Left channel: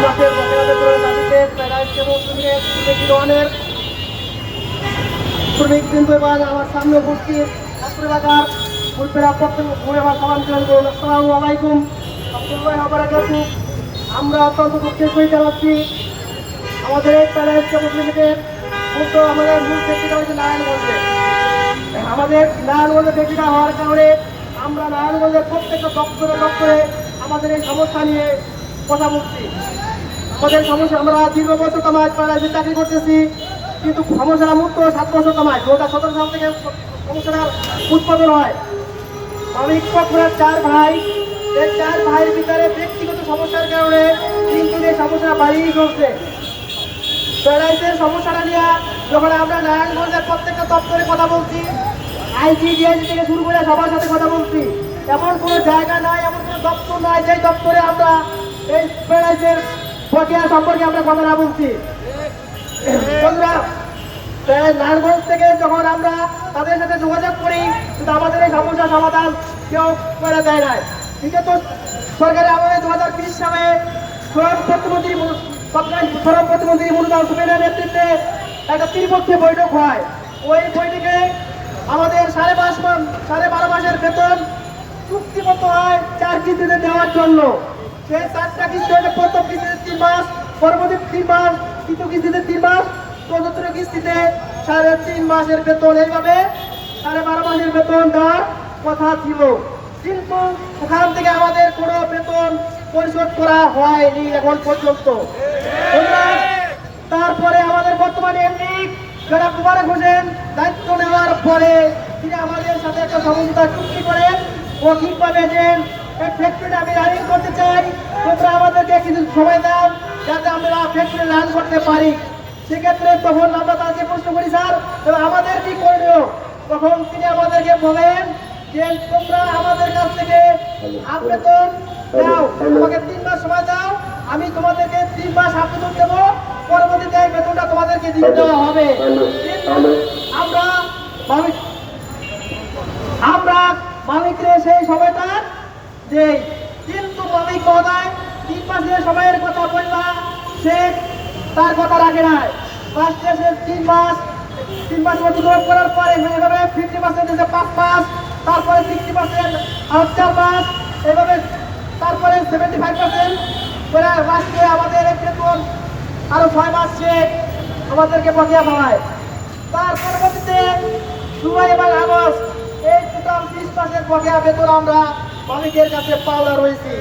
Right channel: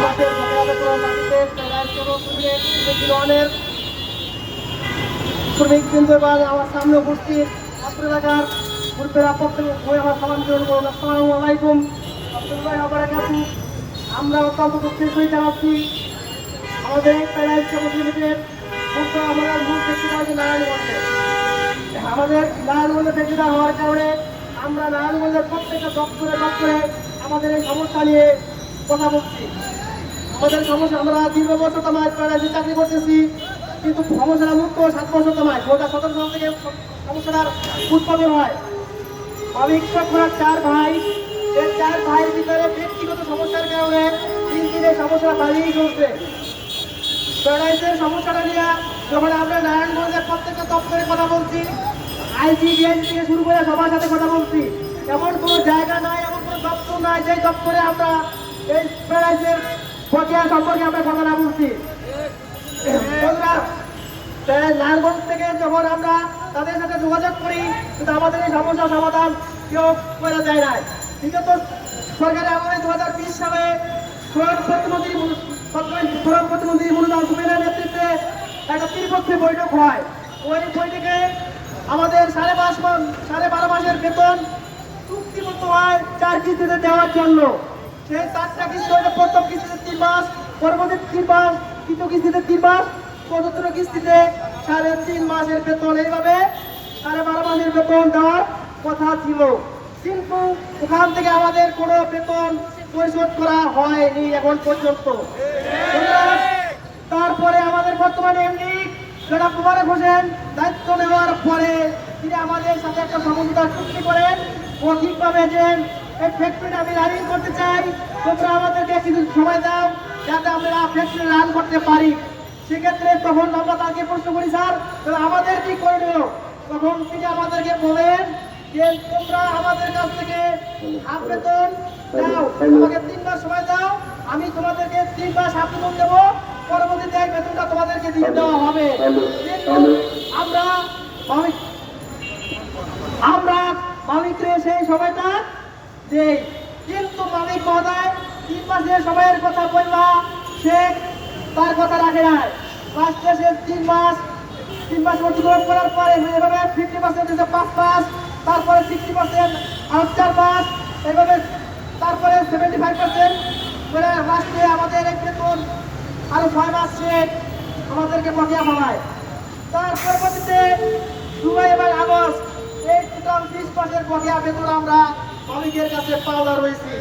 বকেয়া বেতন দাবিতে প্যারাইজ কেবল শ্রমিক শ্রমিক আমার সামনে উপস্থিত। ছাত্র এলাকার পূর্বের আপনাদের আসসালামু আলাইকুম। আব্দুল্লাহ আমরা অত্যন্ত দুঃখের সহিত জানাচ্ছি আমাদের প্যারাইজ কেবল শ্রমিকের মুখ্য আমাদের মূল ফ্যাক্টরিটা হচ্ছে নারায়ণগঞ্জে। আমাদের নারায়ণগঞ্জে ফ্যাক্টরিটা হওয়ার কারণে আমরা নারায়ণগঞ্জের প্রত্যেকটা দপ্তরে দপ্তরে আমাদের এই সমস্যা নিয়ে কথা বলছি। আমাদের সমস্যা, আমরা দীর্ঘ বছর তোমার প্যারাইজে চাকরি করতেছি, কিন্তু সমস্যাটা মুক্ত সাত বছর দু হাজার সতেরো সাল থেকে সমস্যাটার উৎপাদন হয়। মালিক পক্ষের চার ভাই, এই চার ভাইয়ের ভিতরে ব্যক্তিগত সমস্যার কারণে দিন দিনে সমস্যা বাড়িয়ে চলছে। প্যারাইজের সমস্যাটা নিয়ে যখন আমরা নারায়ণগঞ্জের প্রত্যেকটা দপ্তরে কথা বলছি আইজিডিআইজি থেকে শুরু করে সবার সাথে কথা বলছি, এমন কোনো জায়গা নাই, এমন কোনো দপ্তর নাই যে দপ্তরে আমরা এই প্যারাইজের প্রক্রিয়া সম্পর্কে আমরা কথা না বলছি। বন্ধুরা থেকে যখন আমরা তাদের সাথে যোগাযোগ করি, কিন্তু আমাদের এই সমস্যার সমাধান কেউ করে দেয় নাই। বিগত সরকারি আমলে দু হাজার বিশ সালে শ্রম প্রতিমন্ত্রী শ্রম প্রতিমন্ত্রী মনুদান সুমেনের নেতৃত্বে একটা ত্রিপক্ষীয় বৈঠক হয়। ওই বৈঠকে আমাদের সাড়ে পাঁচ সাড়ে বারো মাসের বেতন চুক্তিবদ্ধ হয় চার কিস্তিতে দেওয়ার জন্য। সেই চারটা প্রথম কিস্তিতে তিন মাস তিন মাস কিস্তিতে তিন মাস কিস্তিতে সাড়ে তিন মাসের বেতন। এইভাবে সাড়ে বারো বেতন কথা ছিল। কিন্তু ওখান থেকে আমাদের কোনো বেতন পরিশোধ করা হয়নি এখন পর্যন্ত। তারপরে আমাদের বর্তমানে এমনি জনাব মুবারক হোসেন দায়িত্ব নেওয়ার পরে তিনি আমাদের সাথে একটা সমঝোতা চুক্তি করেন। ও ঠিকভাবে যে এই ফ্যাক্টরিটা আমি রানিং করতে চাই। তোমরা আমাদেরকে কিছু সময় দাও যাতে আমরা ফ্যাক্টরি রান করতে পারি। সেক্ষেত্রে তখন আমরা তাকে প্রশ্ন করি স্যার তবে আমাদের কি করণীয় তখন তিনি আমাদেরকে বলেন যে তোমরা আমাদের কাছ থেকে বেতন দাও। আমাকে তিন মাস সময় দাও। আমি তোমাদেরকে তিন মাস বেতন দেবো। পরবর্তীতে বেতনটা তোমাদেরকে দিয়ে দেওয়া হবে। আমরা আমরা মালিকরে সেই সময়টা দেই কিন্তু মালিক মহোদয়, তিন মাস মাসের সময়ের কথা বললা, সে তার কথা রাখে নাই। ফার্স্টে সে তিন মাস তিন মাস অতিক্রম করার পরে এভাবে ফিফটি পার্সেন্ট দিয়েছে পাঁচ মাস, তারপরে সিক্সটি পার্সেন্ট আর চার মাস, এভাবে তারপরে সেভেন্টি ফাইভ পার্সেন্ট করে লাস্টে আমাদের বেতন আরও ছয় মাস সে আমাদেরকে বকেয়া পাওয়ায় তার পরবর্তীতে জুলাই এবং আগস্ট এই টোটাল বিশ মাসের বকেয়া বেতন আমরা মালিকের কাছে পাওনা রয়েছে।